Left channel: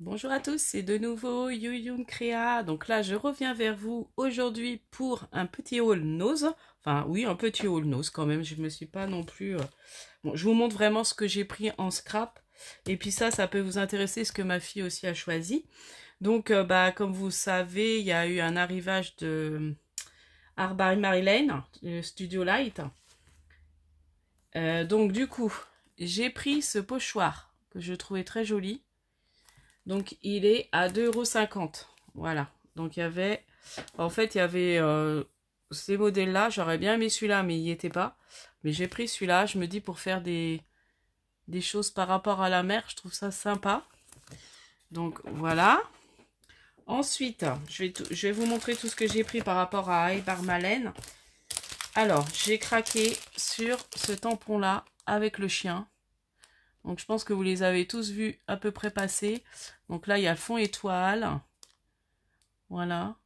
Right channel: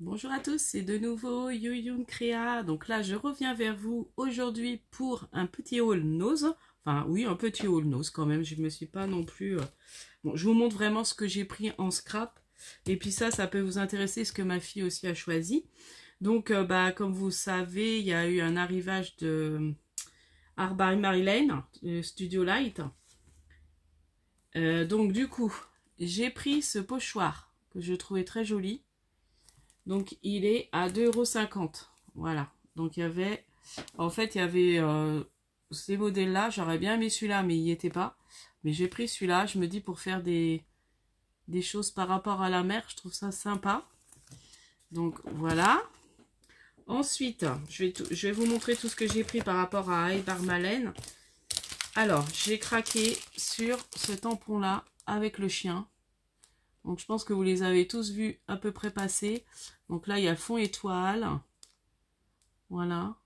Bonjour à tous, c'est de nouveau Yuyun Créa. Donc là, je reviens vers vous aujourd'hui pour un petit haul nose. Enfin, oui, un petit haul nose quand même. Je me suis pas non plus... Bon, je vous montre vraiment ce que j'ai pris en scrap. Et puis ça peut vous intéresser, ce que ma fille aussi a choisi. Donc, comme vous savez, il y a eu un arrivage de Art by Marilyn, Studio Light. Donc du coup, j'ai pris ce pochoir que je trouvais très joli. Donc il est à 2,50 €. Voilà. Donc il y avait... En fait, il y avait ces modèles-là. J'aurais bien aimé celui-là, mais il n'y était pas. Mais j'ai pris celui-là. Je me dis pour faire des choses par rapport à la mer. Je trouve ça sympa. Donc voilà. Ensuite, je vais vous montrer tout ce que j'ai pris par rapport à Eibar Malen. Alors, j'ai craqué sur ce tampon-là avec le chien. Donc je pense que vous les avez tous vus à peu près passer. Donc là, il y a fond étoile. Voilà.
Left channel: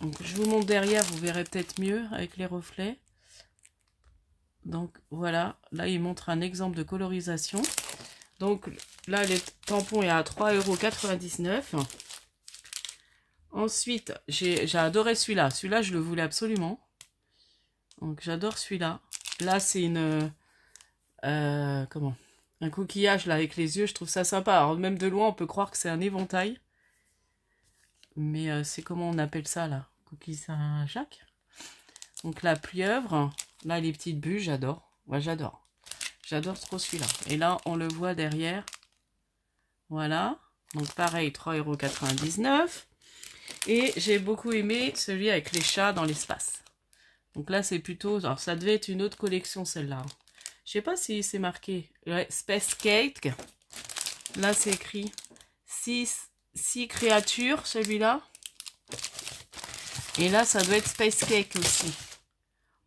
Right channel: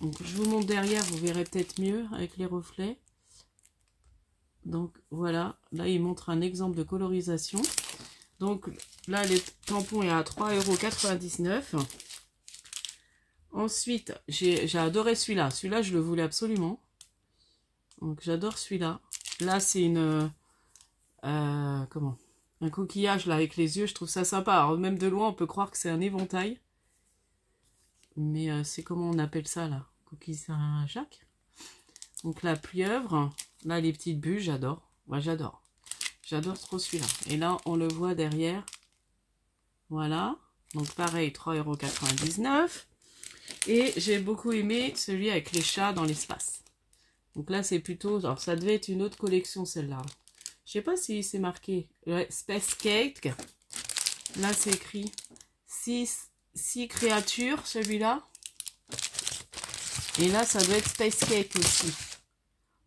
Donc je vous montre derrière, vous verrez peut-être mieux avec les reflets. Donc voilà, là il montre un exemple de colorisation. Donc là, le tampon est à 3,99 €. Ensuite, j'ai adoré celui-là. Celui-là, je le voulais absolument. Donc j'adore celui-là. Là, c'est une... comment, un coquillage là avec les yeux, je trouve ça sympa. Alors même de loin on peut croire que c'est un éventail, mais c'est comment on appelle ça là, coquille Saint-Jacques. Donc la pieuvre, là les petites bulles, j'adore. Moi j'adore trop celui-là. Et là on le voit derrière, voilà. Donc pareil, 3,99 €. Et j'ai beaucoup aimé celui avec les chats dans l'espace. Donc là c'est plutôt, alors ça devait être une autre collection celle-là. Je sais pas si c'est marqué. Ouais, Space Cake. Là, c'est écrit 6 créatures, celui-là. Et là, ça doit être Space Cake aussi.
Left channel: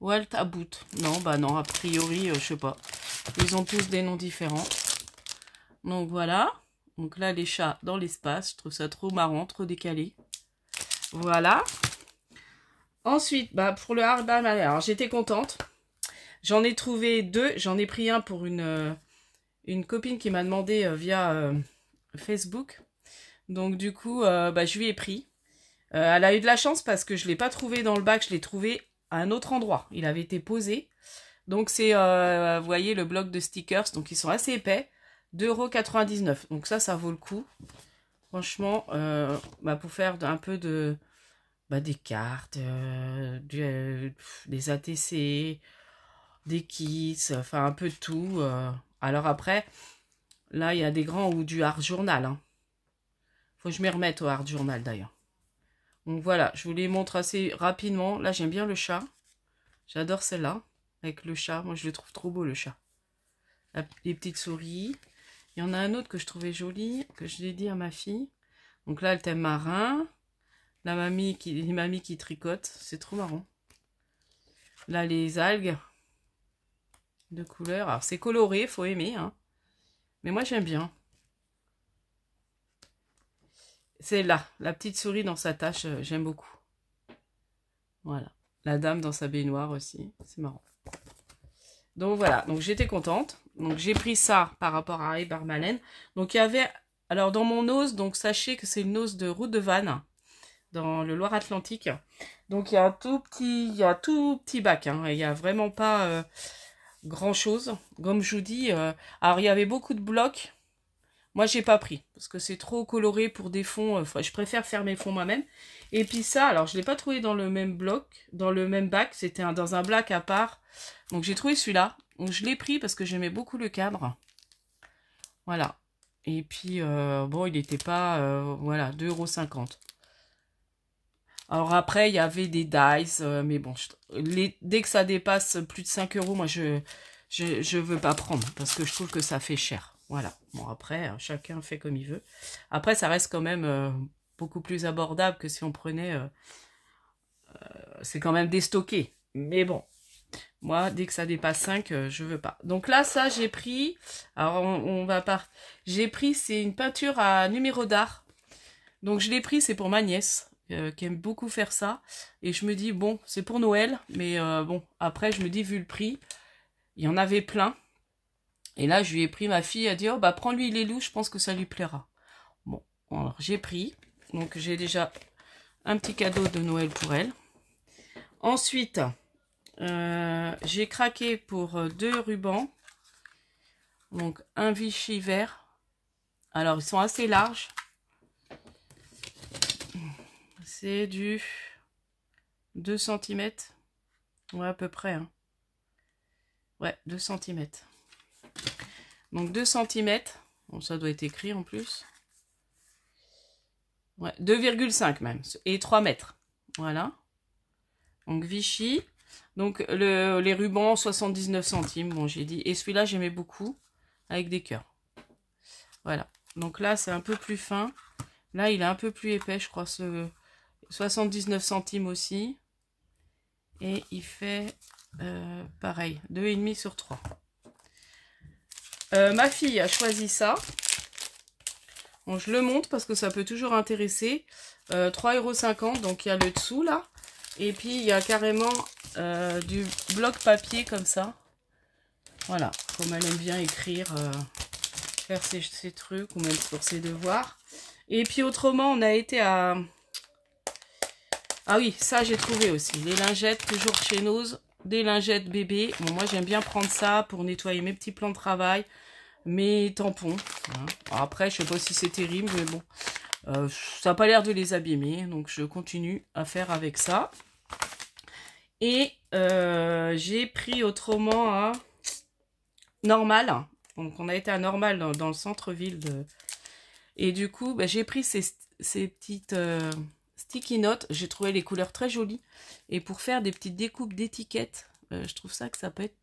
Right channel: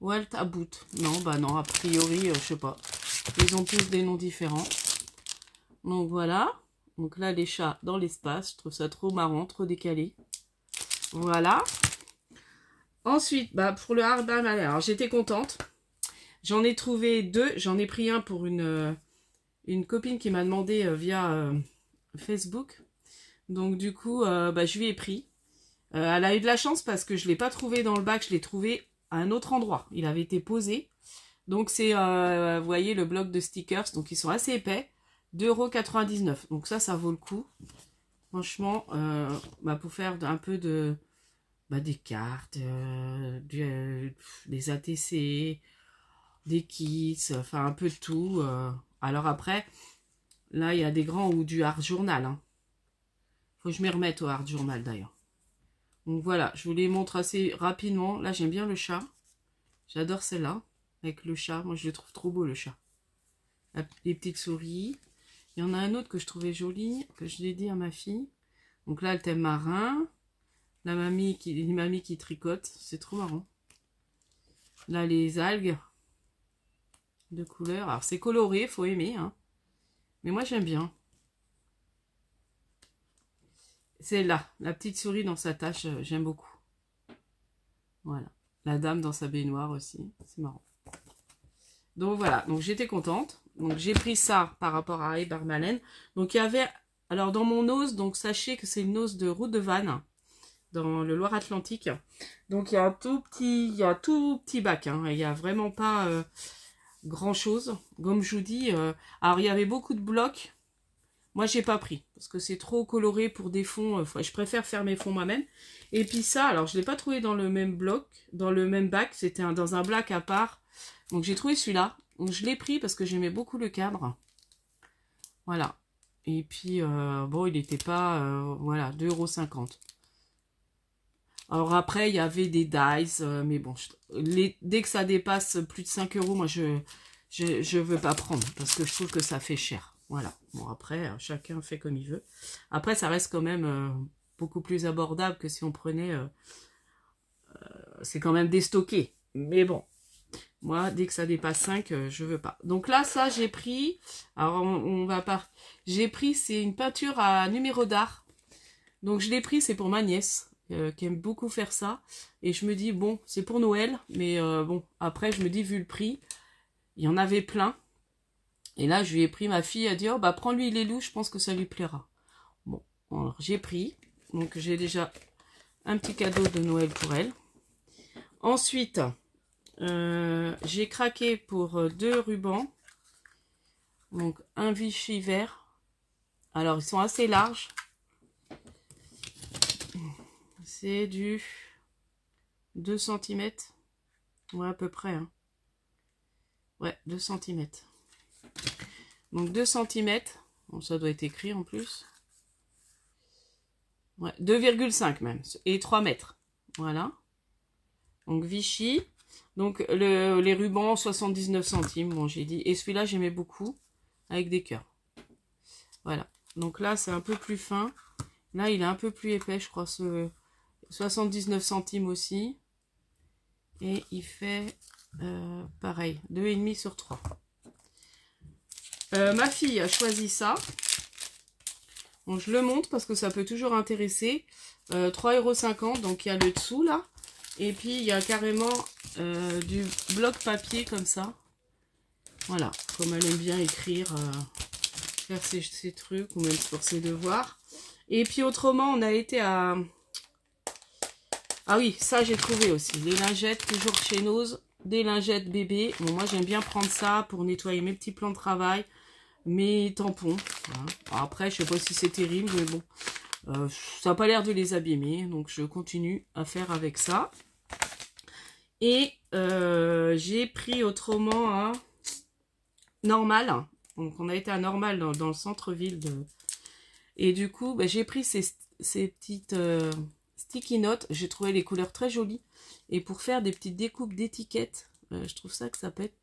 Walt About. Non, bah non, a priori, je sais pas. Ils ont tous des noms différents. Donc voilà. Donc là, les chats dans l'espace. Je trouve ça trop marrant, trop décalé. Voilà. Ensuite, bah, pour le hardball, alors j'étais contente. J'en ai trouvé deux. J'en ai pris un pour une copine qui m'a demandé via Facebook. Donc du coup, je lui ai pris. Elle a eu de la chance parce que je ne l'ai pas trouvé dans le bac. Je l'ai trouvé à un autre endroit. Il avait été posé. Donc c'est, vous voyez, le bloc de stickers. Donc ils sont assez épais. 2,99 €. Donc ça vaut le coup. Franchement, pour faire un peu de... des cartes, des ATC, des kits, enfin un peu de tout. Alors après, là il y a des grands ou du art journal. Hein. Faut que je m'y remette au art journal d'ailleurs. Donc voilà, je vous les montre assez rapidement. Là j'aime bien le chat. J'adore celle-là, avec le chat. Moi je le trouve trop beau le chat. Les petites souris. Il y en a un autre que je trouvais joli, que je l'ai dit à ma fille. Donc là le thème marin. La mamie qui tricote, c'est trop marrant. Là les algues de couleur. Alors c'est coloré, faut aimer. Hein. Mais moi j'aime bien. C'est là, la petite souris dans sa tâche, j'aime beaucoup. Voilà. La dame dans sa baignoire aussi, c'est marrant. Donc voilà, donc j'étais contente. Donc j'ai pris ça par rapport à Eibar Malen. Donc il y avait, alors dans mon ose, donc sachez que c'est une ose de route de Vannes, dans le Loire-Atlantique. Donc il y a un tout petit bac, hein. Il n'y a vraiment pas grand chose. Comme je vous dis, alors il y avait beaucoup de blocs. Moi, j'ai pas pris parce que c'est trop coloré pour des fonds. Enfin, je préfère faire mes fonds moi-même. Et puis ça, alors je l'ai pas trouvé dans le même bloc, dans le même bac. C'était dans un black à part. Donc j'ai trouvé celui-là. Donc je l'ai pris parce que j'aimais beaucoup le cadre. Voilà. Et puis bon, il n'était pas voilà 2,50 €. Alors après, il y avait des dies, mais bon, dès que ça dépasse plus de 5 €, moi je veux pas prendre parce que je trouve que ça fait cher. Voilà. Bon, après, chacun fait comme il veut. Après, ça reste quand même beaucoup plus abordable que si on prenait... c'est quand même déstocké. Mais bon, moi, dès que ça dépasse 5, je veux pas. Donc là, ça, j'ai pris... Alors, on va pas... J'ai pris, c'est une peinture à numéro d'art. Donc, je l'ai pris, c'est pour ma nièce, qui aime beaucoup faire ça. Et je me dis, bon, c'est pour Noël. Mais bon, après, je me dis, vu le prix, il y en avait plein. Et là, je lui ai pris, ma fille a dit, oh bah prends-lui les loups, je pense que ça lui plaira. Bon, alors j'ai pris. Donc j'ai déjà un petit cadeau de Noël pour elle. Ensuite, j'ai craqué pour 2 rubans. Donc un Vichy vert. Alors ils sont assez larges. C'est du 2 cm. Ouais, à peu près. Hein. Ouais, 2 cm. Donc 2 cm. Bon, ça doit être écrit en plus. Ouais, 2,5 même. Et 3 mètres. Voilà. Donc Vichy. Donc les rubans 79 centimes. Bon, j'ai dit. Et celui-là, j'aimais beaucoup. Avec des cœurs. Voilà. Donc là, c'est un peu plus fin. Là, il est un peu plus épais, je crois. 79 centimes aussi. Et il fait pareil. 2,5 sur 3. Ma fille a choisi ça. Bon, je le montre parce que ça peut toujours intéresser. 3,50 €, donc il y a le dessous là. Et puis il y a carrément du bloc papier comme ça. Voilà, comme elle aime bien écrire, faire ses trucs ou même pour ses devoirs. Et puis autrement, on a été à... Ah oui, ça j'ai trouvé aussi. Les lingettes, toujours chez Nose. Des lingettes bébé. Bon, moi j'aime bien prendre ça pour nettoyer mes petits plans de travail. Mes tampons. Après, je sais pas si c'est terrible, mais bon. Ça n'a pas l'air de les abîmer. Donc, je continue à faire avec ça. Et j'ai pris autrement à Normal. Donc, on a été à Normal dans le centre-ville. Et du coup, bah, j'ai pris ces petites sticky notes. J'ai trouvé les couleurs très jolies. Et pour faire des petites découpes d'étiquettes, je trouve ça que ça peut être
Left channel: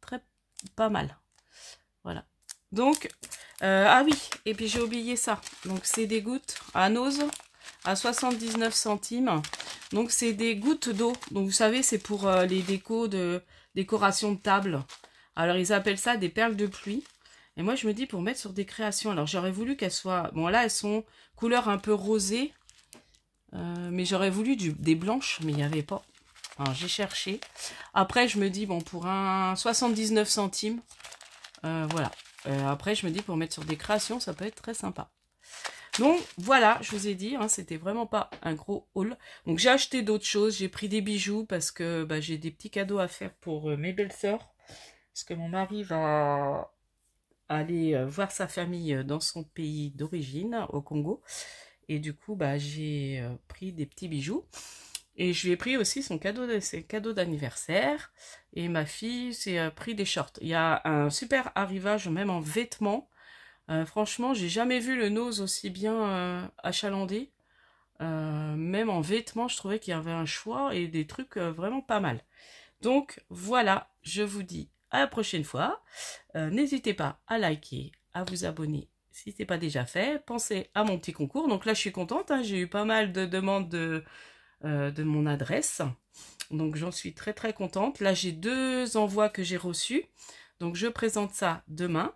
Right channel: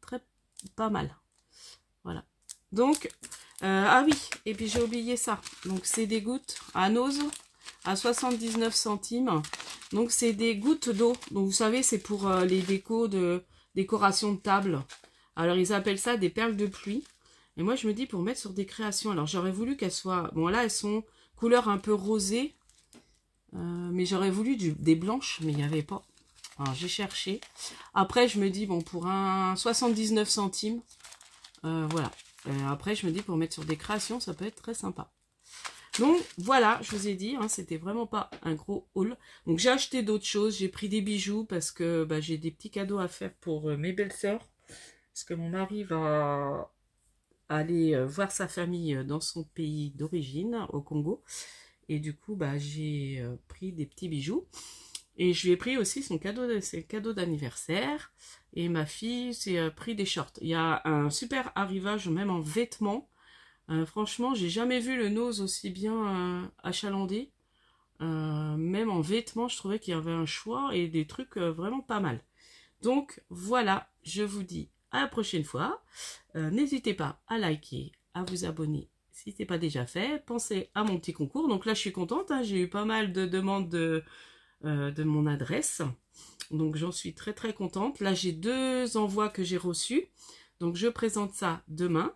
pas mal. Voilà. Donc, ah oui, et puis j'ai oublié ça. Donc, c'est des gouttes à Nose à 79 centimes. Donc, c'est des gouttes d'eau. Donc, vous savez, c'est pour les décorations de table. Alors, ils appellent ça des perles de pluie. Et moi, je me dis pour mettre sur des créations. Alors, j'aurais voulu qu'elles soient... Bon, là, elles sont couleur un peu rosée. Mais j'aurais voulu des blanches, mais il n'y avait pas. Alors, j'ai cherché. Après, je me dis, bon, pour un 79 centimes, voilà. Après, je me dis, pour mettre sur des créations, ça peut être très sympa. Donc, voilà, je vous ai dit, hein, c'était vraiment pas un gros haul. Donc, j'ai acheté d'autres choses. J'ai pris des bijoux parce que bah, j'ai des petits cadeaux à faire pour mes belles-sœurs. Parce que mon mari va aller voir sa famille dans son pays d'origine, au Congo. Et du coup, bah, j'ai pris des petits bijoux. Et je lui ai pris aussi ses cadeaux d'anniversaire. Et ma fille s'est pris des shorts. Il y a un super arrivage, même en vêtements. Franchement, j'ai jamais vu le Nose aussi bien achalandé. Même en vêtements, je trouvais qu'il y avait un choix et des trucs vraiment pas mal. Donc, voilà, je vous dis à la prochaine fois. N'hésitez pas à liker, à vous abonner si ce n'est pas déjà fait. Pensez à mon petit concours. Donc là, je suis contente. Hein, j'ai eu pas mal de demandes de mon adresse. Donc j'en suis très très contente. Là j'ai 2 envois que j'ai reçus. Donc je présente ça demain.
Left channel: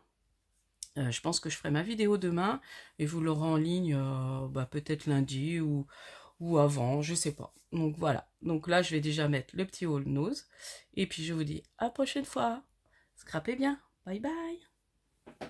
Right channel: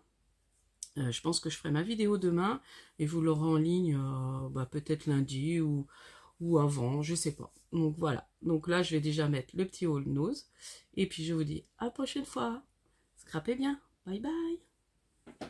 Je pense que je ferai ma vidéo demain. Et vous l'aurez en ligne peut-être lundi ou avant, je sais pas. Donc voilà. Donc là je vais déjà mettre le petit haul Nose. Et puis je vous dis à la prochaine fois. Scrapez bien. Bye bye.